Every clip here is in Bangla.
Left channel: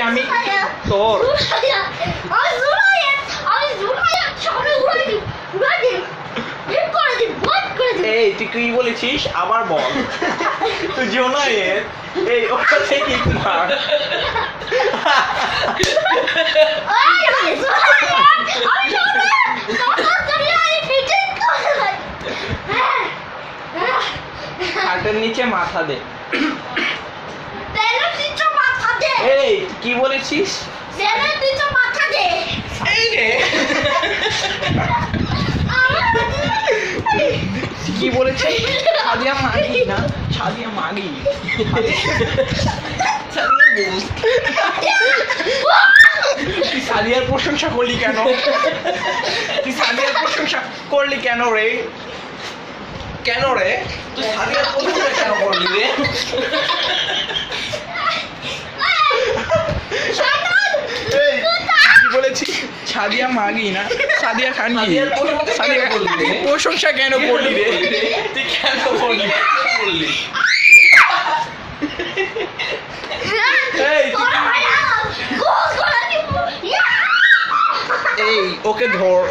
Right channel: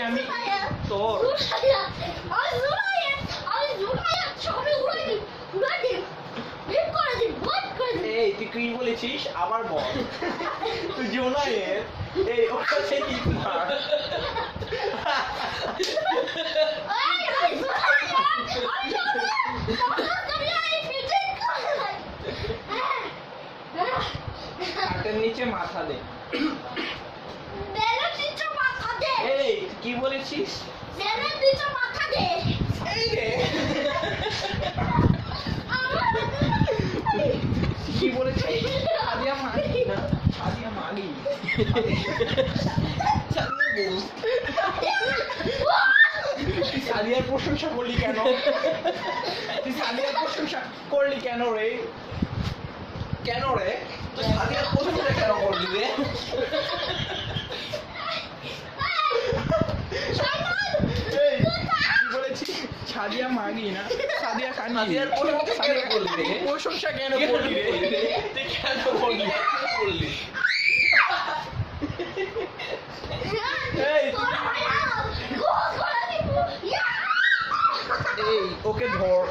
আমি তোর এই তুই কি বলেছিস আবার বল তুই জোনায়ের এই ওটা থেকে মার হাটের নিচে মাথা দে এই কি বলেছিস এই রে কি বলেছিস সাদিয়া মাগি না সাদিয়া মাগি তুই সাদিয়ার প্রশংসা করলি কেন তুই সাদিয়ার প্রশংসা করলি কেন রে কেন রে তুই সাদিয়ার প্রশংসা কেন করলি রে কি বলেছিস সাদিয়া মাগি না সাদিয়া খান সাদিয়া প্রশংসা কেন করলি রে তুই কেন করলি এই ওকে ধর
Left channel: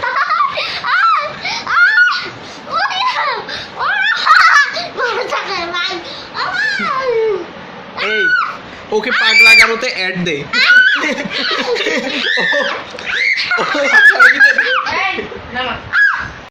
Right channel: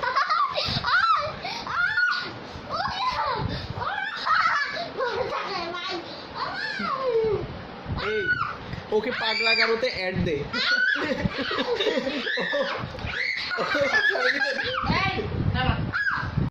এই ওকে পাগলা গারোতে অ্যাড দে না